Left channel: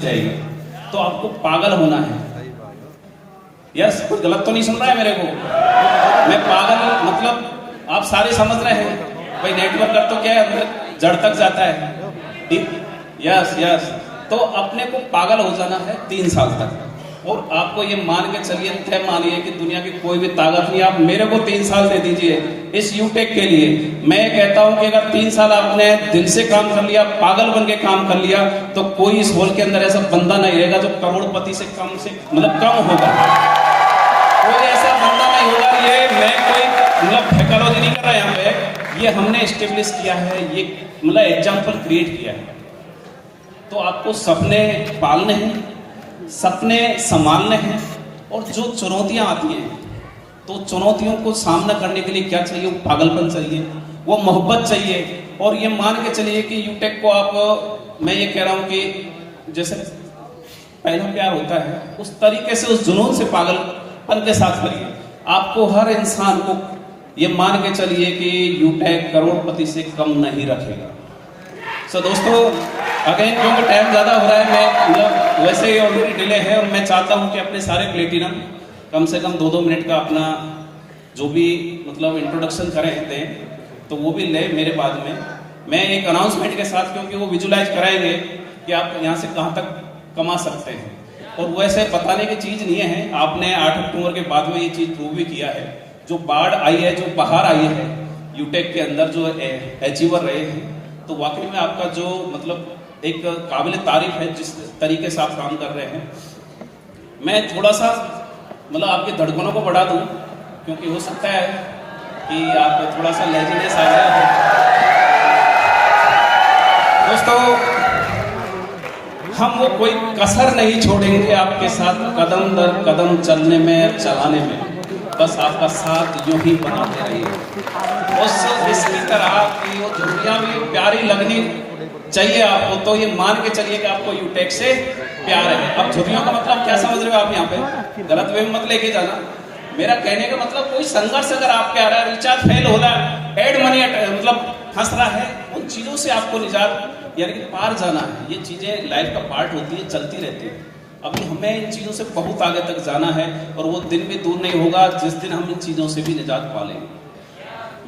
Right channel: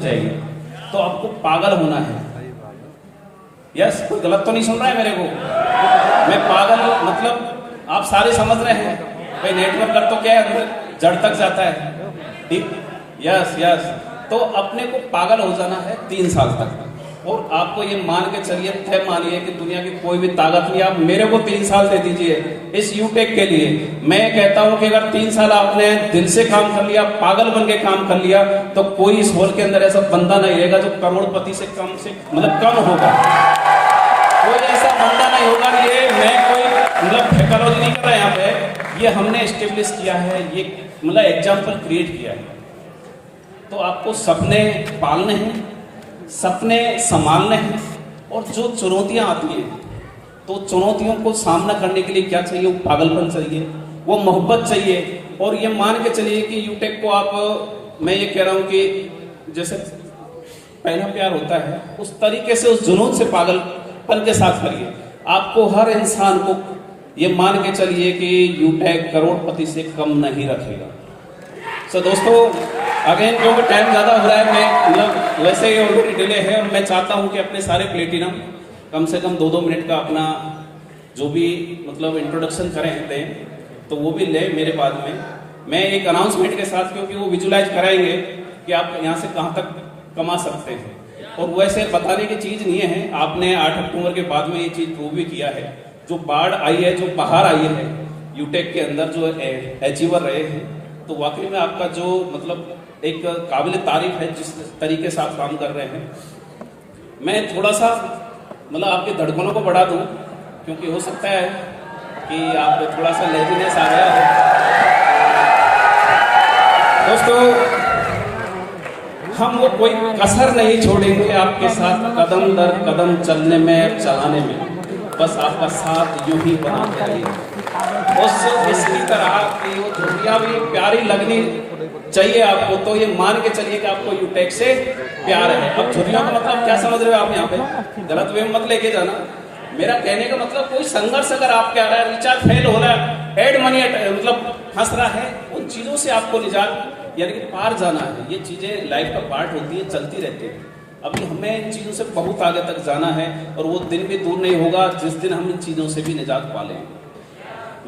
चाहिए तो आपको पागल होना है। यस, कुछ गलत तो नहीं सुन रहा है मेरे को? मैं पागल मतलब आप सारे समझ रहे हैं भाई, नेटवर्क कर तो क्या है, जड़ तक जाता है। यस यस, तो अपने को पागल हो जाना है 3 साल तक, और आपको ये मान के चलिए, तय मानिए कि दुनिया की कोई भी ताकत नहीं, आप मेरे को 3 साल दे दीजिए इस यूटेक के लिए। मैं कहता हूं कि अगर 3 साल आपने दिल से काम कर लिया, पागल बन के काम कर लिया, तो कोई इस हॉल के अंदर ऐसा बंदा नहीं रहेगा जो करोड़पति से कम होगा। कोई ऐसा बंदा नहीं होगा। ये मैं कोई मतलब फेकलॉजी नहीं कर रहा यहाँ पे, ये हमने एस्टेब्लिश किया है, ये मतलब एग्जाम्पल क्रिएट किया है। तो आपको सपने पालने हैं, सपने संभालने हैं, और जो चुनौतियां आती हैं तो चुनौतियों को सामना करने के लिए क्या चाहिए? वो पागलपन चाहिए, वो मोहब्बत चाहिए। और ये मान के चलिए कि यूटेक को आप, मैं ये कह रहा हूं कि जैसे पहला प्यार होता है उस तरीके से, उस जुनून से पागलपन के साथ करिए। आपको हर इंसान को ये मान के चलिए कि यूटेक करोड़पति से कम नहीं रखेगा। सो दोस्तों, अगेन क्योंकि टाइम ज़्यादा हो रहा है, मैं मतलब वैसे ही ऑलरेडी डिले है, और मैं चाहता हूं कि अपने सारे प्लेटिनम कम से कम 2-2 मिनट का अपना जो भी मतलब इंट्रोडक्शन करें थे तो वो भी ले मेरे बाद में। मैं एक अनाउंसमेंट के साथ, क्योंकि वो विजुलाइज कराएंगे कि आप यहाँ से कहाँ तक कमा सकते हैं, और वैसे बताने की चीज़ नहीं है। आपने 8 अक्टूबर के बाद में ये चीज़ प्रूव भी किया है। जो बाढ़ आई है, जो बाहर आई है यूटेक के अंदर, जो अचीवर रहे हैं, तो वाकई में आपका जो मतलब एक काबिल तारीफ है जिस तरीके से आप काम कर रहे हैं। मैं थोड़ा सा मतलब आपके धड़कनों को बढ़ा दूं, क्योंकि हो सकता है कि आप थोड़ा सा लेजीनेस आ गया है। दोस्तों, हम वो कोई कसर नहीं छोड़ेंगे आपके साथ कदम दर कदम चलने में, चलाने में। बस आपका साथ यूं ही बनाते रहिए। उससे इसकी तरह की वो दुनिया भी प्यारी लगनी चाहिए आपको। तो ये मान के चलिए कि आपको यूटेक से प्यार है। अब छुट्टियों का मतलब क्या समझ रहे हो आप? यहाँ पे गलत वे में मत लेके जाना। मेरा कहने का मतलब कोई संघर्ष अगर आपके आ रहा है, रिचार्ज फेल हो रहा है, एड मनी मतलब फंस रहा है, उन चीजों से आपको निजात यानी कि पार जाना है। ये चीजें लाइफ का पार्ट होती है, चलती रहती है। अभी हमें इन चीजों से बहुत आगे तक जाना है, और वो दिन भी दूर नहीं होगा जिस दिन हम इन चीजों से भी निजात पा लेंगे।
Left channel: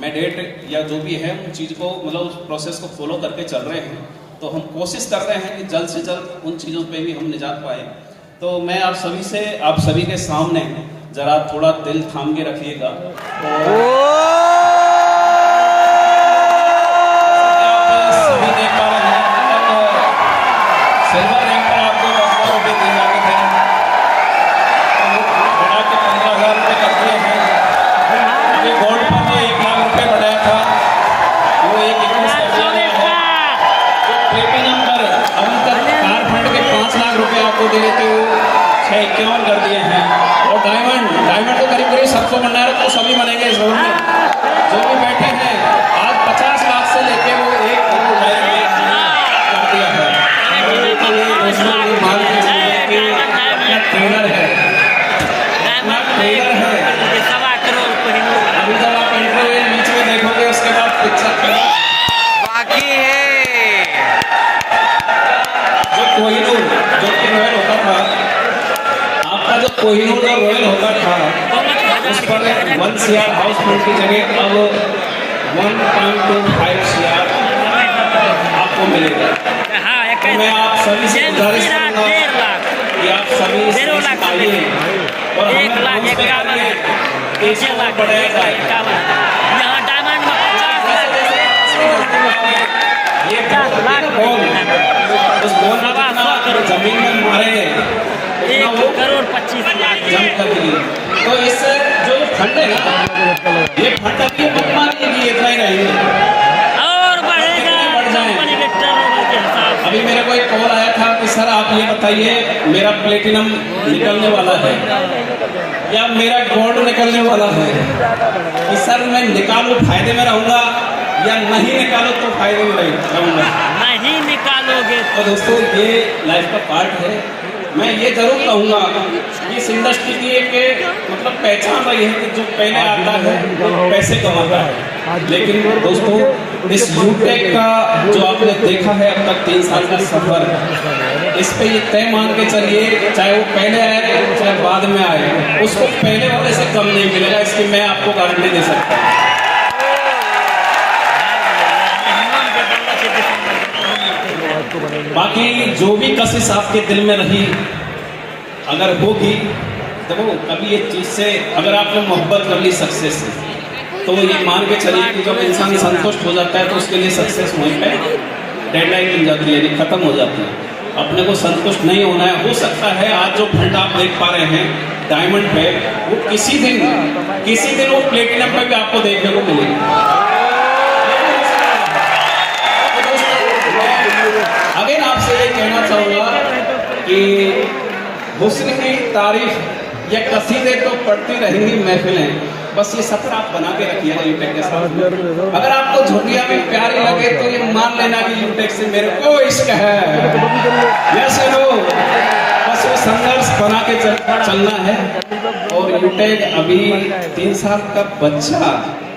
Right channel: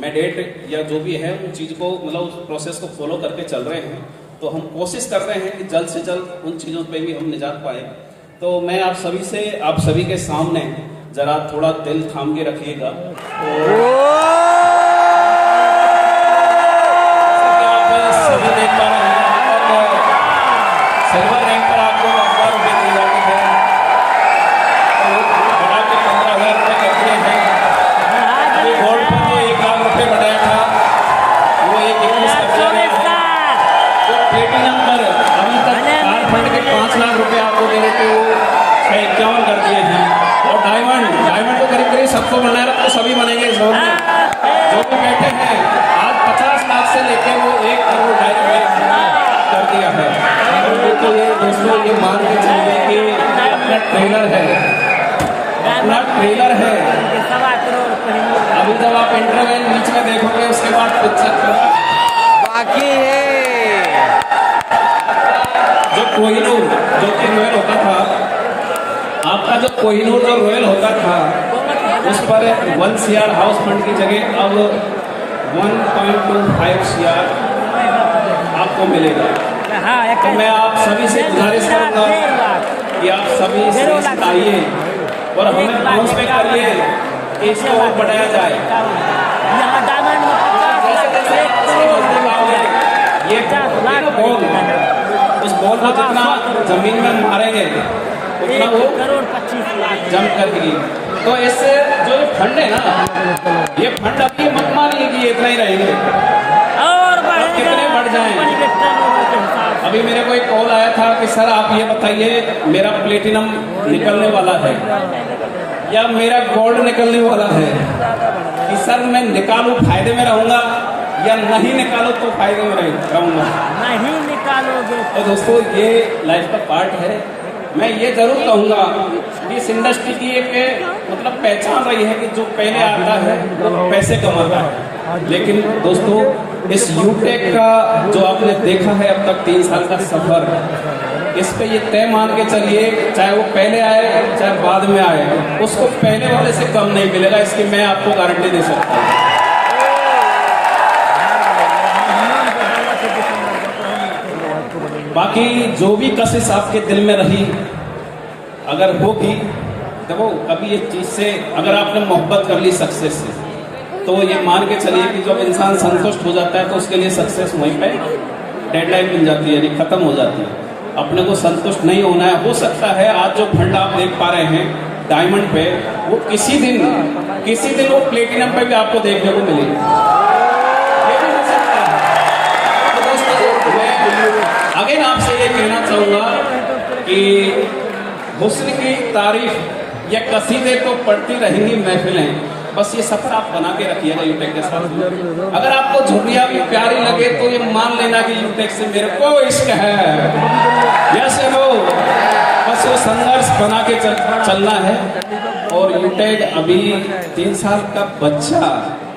मैं डेट या जो भी है उन चीज़ को मतलब उस प्रोसेस को फॉलो करके चल रहे हैं। तो हम कोशिश कर रहे हैं कि जल्द से जल्द उन चीज़ों पे भी हम निजात पाए। तो मैं आप सभी के सामने जरा थोड़ा दिल थाम के रखिएगा। तो सभी देख पा रहे हैं सिल्वर रैंक पर आपको 10,000 रुपये दिए जाने थे, बढ़ा के 15,000 रुपये कर दिए हैं। अभी गोल्ड पर जो 1 लाख रुपये बढ़ाया था वो 1,21 कर दिया गया है। जो प्लेटिनम पर अभी तक फंड के 5 लाख रुपये आपको दे थे वो 651 कर दिए हैं। और डायमंड को करीब 700 बनाए रखो, सभी बनेंगे इस रोड में जो भी बैठे हैं। आज 50 लाख से लेके वो 1 करोड़ डायमंड कर दिया है। तो ये दोस्तों ये मान के चलिए कि अपना ट्रेलर है, अपना ट्रेलर है। अभी जब आप इंटरवल बीच में देखोगे उसके बाद पिक्चर बाकी है। जो कोहिनूर जो कि रॉयल होता था, आपका जो कोहिनूर और रॉयल होता था, उस पर 1 CR हाउस फंड की जगह अब 1.25 CR आपको मिलेगा। तो मैं आप सभी से गुजारिश करूंगा कि आप सभी आइए और हमें अनाउंस करिए, इसको और बढ़ाया जाए। यहाँ डायमंड में ये बॉल, उस बॉल को जितना जमीन में मारेंगे उतना वो 1,25,00,000 जंप कर देगी। तो इससे जो फंड है ना, ये फंड अभी मत मानिए कि इतना ही रहेंगे, और कितने बढ़ जाएं। बढ़ेगा। अभी मेरे को एक कॉल आया था कि सर आप ये बताइए मेरा प्लेटिनम निकलने वाला है या मेरा गोल्ड निकलने वाला है, कि सर मैं निकालूं फायदे में रहूंगा या नहीं निकालूं तो फायदे में रहूंगा। नहीं निकालोगे तो दोस्तों ये लाइफ का पार्ट है। मैं ये जरूर कहूँगा कि इस इंडस्ट्री की एक मतलब पहचान रही है कि जो पहले आता है वो पैसे कमाता है। लेकिन दोस्तों इस यूटेक का जो आपने देखा है अब तक 3 साल का सफर, इस पे ये तय मान के चलिए, चाहे वो पहले आए चाहे बाद में आए, उसको पहले वाले से कम नहीं मिलेगा, इसकी मैं आपको गारंटी दे सकता हूँ। बाकी जो भी कशिश आपके दिल में रही अगर होगी, देखो कभी ये चीज़ से अगर आपने मोहब्बत कर ली सक्सेस से, तो ये मान के चलिए कि जब इंसान संतुष्ट हो जाता है तो उसके लिए सक्सेस वहीं पे डेडलाइन मिल जाती है, यानी खत्म हो जाती है। अपने को संतुष्ट नहीं होना है। हो सकता है आज जो फंड आप देख पा रहे हैं डायमंड पे, वो किसी दिन वो प्लेटिनम पे भी आपको देखने को मिलेगा। अगेन आपसे ये कहना चाहूँगा कि हुस्न की तारीफ या कसीदे तो पढ़ती रहेंगी महफिलें, बस ये सफर आप बना के रखिएगा यूटेक के साथ। अगर आपको झुर्रियाँ भी प्यारी लगे तो ये मान लेना कि यूटेक से मेरे को इश्क है, यस नो, बस वो संघर्ष बना के चलना है। और यूटेक अभी 3 साल का बच्चा,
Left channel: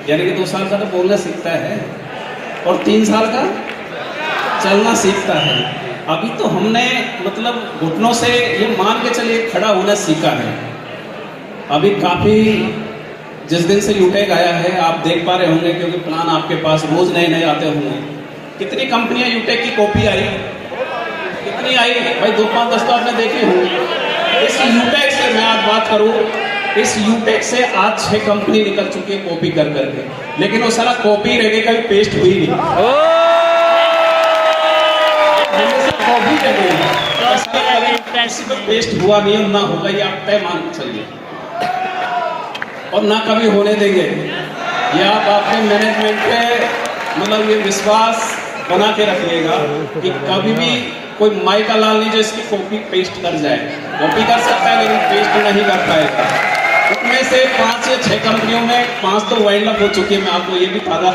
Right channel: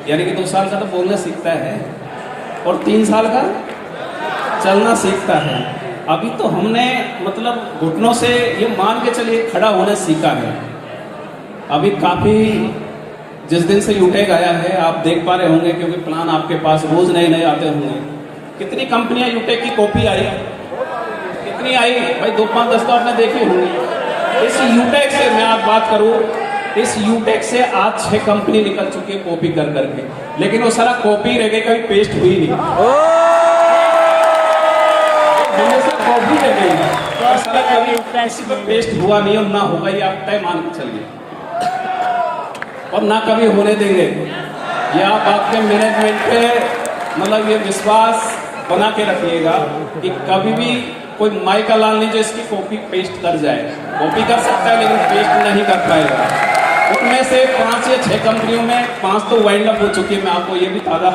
यानी कि 2 साल का तो बोलना सीखता है और 3 साल का चलना सीखता है। अभी तो हमने मतलब घुटनों से ये मान के चलिए खड़ा होना सीखा है। अभी काफ़ी जिस दिन से यूटेक आया है आप देख पा रहे होंगे, क्योंकि प्लान आपके पास रोज नए नए आते होंगे। कितनी कंपनियां यूटेक की कॉपी आई, कितनी आई भाई, 2-5-10 तो आपने देखी होंगी। इस यूटेक से मैं आज बात करूं, इस यूटेक से आज 6 कंपनी निकल चुकी है कॉपी कर करके, लेकिन वो सारा कॉपी रह गई, कभी पेस्ट हुई नहीं। कॉपी रह गई, सारा कभी किसी पर पेस्ट हुआ नहीं और ना होगा, ये आप तय मान के चलिए, और ना कभी होने देंगे। ये आप अपने मैनेजमेंट पे मतलब ये विश्वास बना के रखिएगा कि कभी भी कोई माई का लाल नहीं जो इसकी कॉपी पेस्ट कर जाए। कॉपी कर सकता है लेकिन पेस्ट नहीं कर पाएगा। उनमें से 5 या 6 कंपनियों में 5 तो वाइंड अप हो चुकी है, मैं आपको ये भी ताज़ा,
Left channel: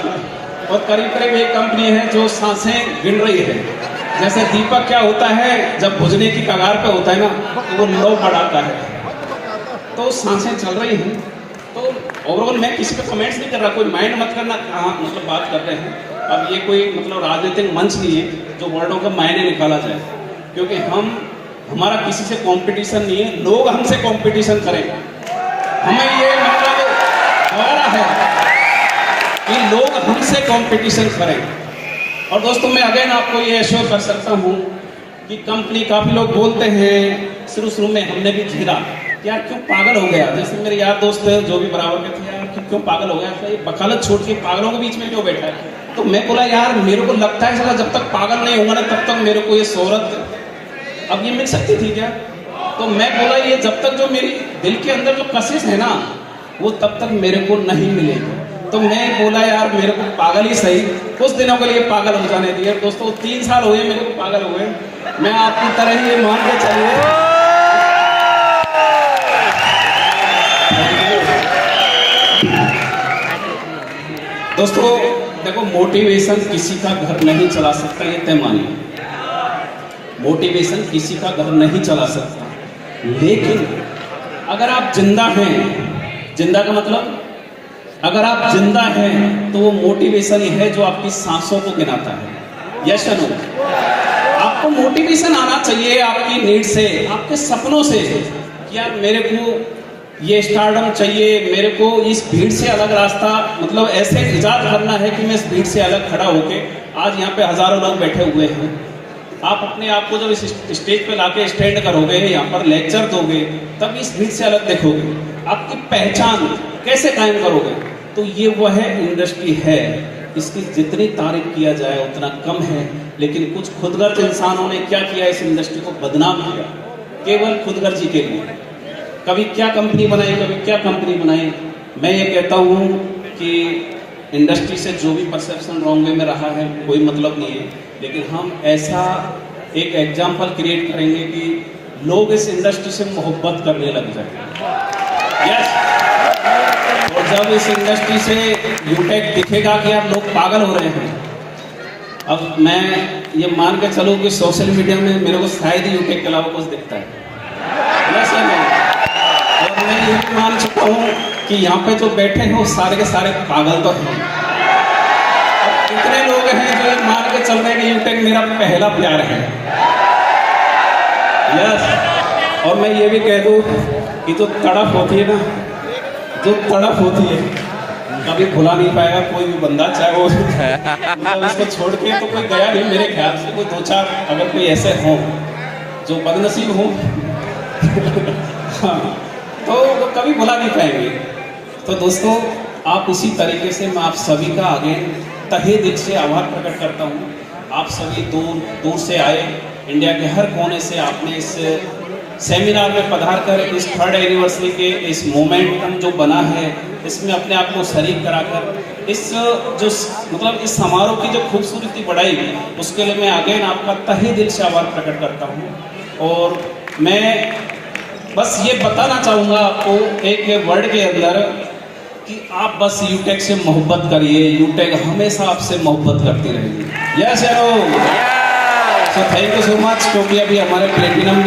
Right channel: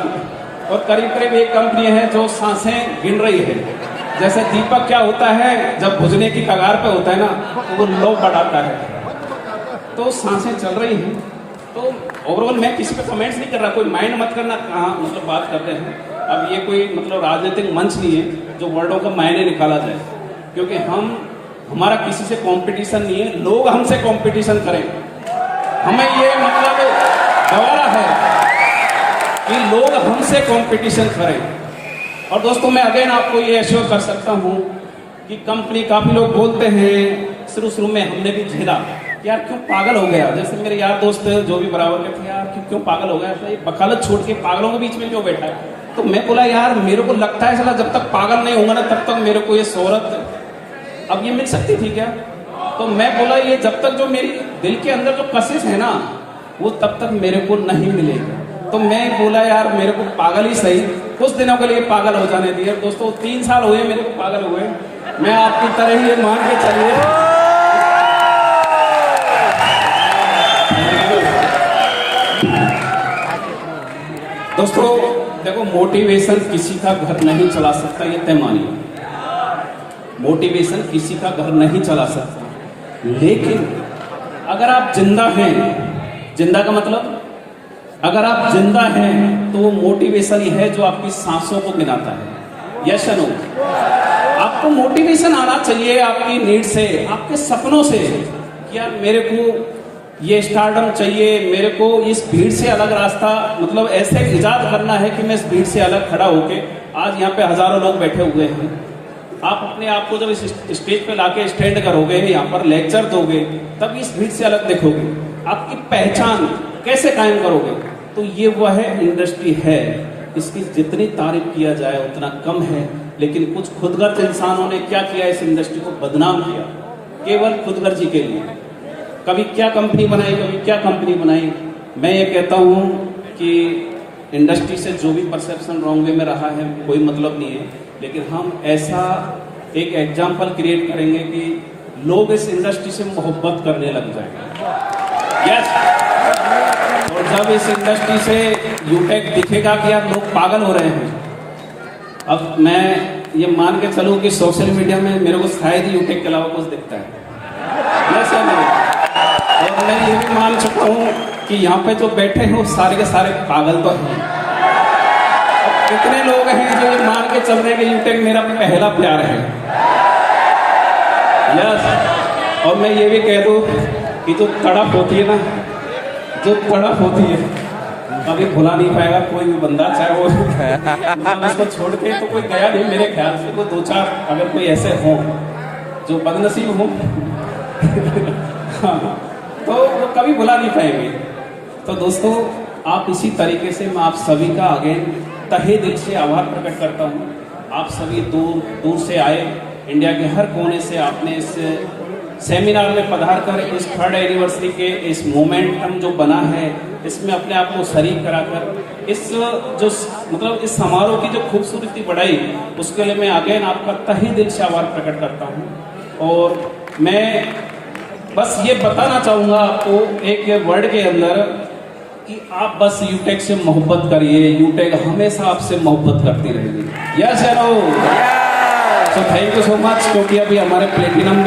और करीब करीब 1 कंपनी है जो सांसें गिन रही है। जैसे दीपक क्या होता है, जब बुझने की कगार पे होता है ना तो वो लो बढ़ाता है, तो सांसें चल रही हैं। तो ओवरऑल मैं किसी पे कमेंट्स नहीं कर रहा, कोई माइंड मत करना कहाँ मतलब बात कर रहे हैं। अब ये कोई मतलब राजनीतिक मंच नहीं है जो वर्डों का मायने निकाला जाए, क्योंकि हमारा किसी से कंपटीशन नहीं है, लोग हमसे कंपटीशन करें। हमें ये मतलब गवारा है कि लोग हमसे कंपटीशन करें। और दोस्तों मैं अगेन आपको ये एश्योर कर सकता हूँ कि कंपनी, काफ़ी लोग बोलते हैं शुरू में हमने भी झेला, यार क्यों पागल हो गया। जैसे मेरे यार दोस्त जो भी बराबर के थे, यार क्यों पागल हो गया, तो ये बकालत छोड़ के पागलों के बीच में क्यों बैठा है। तो मैं बोला यार मेरे को लगता है चला जब तक पागल नहीं होगा ना तब तक मेरे को ये शोहरत अब ये मिल सकती थी क्या। तो मैं बोला ये जब तक जो मेरी दिल के अंदर जो कशिश है ना वो तब तक मेरे को नहीं मिलेगी। तो मैं बोला यार मेरे को पागल ही सही, कुछ दिनों के लिए पागल हो जाने दिए। दोस्तों 3 साल हुए मेरे को पागल हुए, मैं आपकी तरह ही मान के चलिए। दोस्तों देखो मोटिवेशन किसी का घर नहीं चला सकता, ये तय मानिए। मोटिवेशन किसी का घर नहीं चला सकता, लेकिन अगर आप जिंदा हैं, जिंदा का मतलब अगर आप जिंदा हैं तो वो मोटिवेशन ही है जो आपकी सांसों को गिनाता है। यस नो, आपको मोटिवेशन आना चाहिए आपकी नीड से, आपके सपनों से। यार मेरे को ये स्टारडम चाहिए, मेरे को इस भीड़ से अलग रास्ता मतलब ऐसे इजाद करना है कि मैं इस भीड़ से अलग खड़ा होके, आज यहाँ पे हजारों लोग बैठे हुए हैं, आप अपने आप को जब इस स्टेज पे लाके स्टैंड करोगे, यहाँ पर लेक्चर दोगे, तब इस भीड़ से अलग देखोगे, आपकी पहचान कैसे कायम करोगे। तो ये वह इंडस्ट्री है, इसकी जितनी तारीफ किया जाए उतना कम है। लेकिन कुछ खुदगर्ज इंसानों ने क्या किया, इस इंडस्ट्री को बदनाम किया केवल खुदगर्जी के लिए। कभी क्या कंपनी बनाई, कभी क्या कंपनी बनाई। मैं ये कहता हूँ कि इंडस्ट्री से जो भी परसेप्शन रॉन्ग वे में रहा है कोई मतलब नहीं है, लेकिन हम ऐसा एक एग्जाम्पल क्रिएट करेंगे कि लोग इस इंडस्ट्री से मोहब्बत करने लग जाए। यस, और जब इस इंडस्ट्री से यूटेक दिखेगा कि यार लोग पागल हो रहे हैं। अब मैं ये मान के चलूँ कि सोशल मीडिया में मेरे को शायद ही यूटेक के अलावा कुछ दिखता है, और मैं ये भी मान चुका हूँ कि यहाँ पे जो बैठे हैं वो सारे के सारे पागल तो हैं। अब कितने लोग हैं जो मान के चल रहे हैं कि यूटेक मेरा पहला प्यार है। यस, और मैं ये भी कह दूँ कि जो तड़प होती है ना, जो तड़प होती है कभी भुला नहीं पाएगा कोई भी बंदा, चाहे वो मतलब इसको छोड़ के तो कोई गया नहीं मेरे ख्याल से। कोई 2-4 अगर कोई ऐसे हों जो बदनसीब हों हाँ, तो वो कभी भुला नहीं पाएंगे। तो दोस्तों, आप इसी तरीके से मैं आप सभी का आगे तहे दिल से आभार प्रकट करता हूँ। आप सभी दूर दूर से आए, इंडिया के हर कोने से आपने इस सेमिनार में पधार कर इस 3rd एनिवर्सरी के इस मोमेंटम जो बना है इसमें अपने आप को शरीक कराकर इस जो मतलब इस समारोह की जो खूबसूरती बढ़ाई, उसके लिए मैं अगेन आपका तहे दिल से आभार प्रकट करता हूँ। और मैं बस ये बताना चाहूँगा आपको एक वर्ड के अंदर कि आप बस यूटेक से मोहब्बत करिए, यूटेक हमेशा आपसे मोहब्बत करती रहेगी। यस यारो, so thank you so much, क्योंकि अभी हमारे प्लेटिनम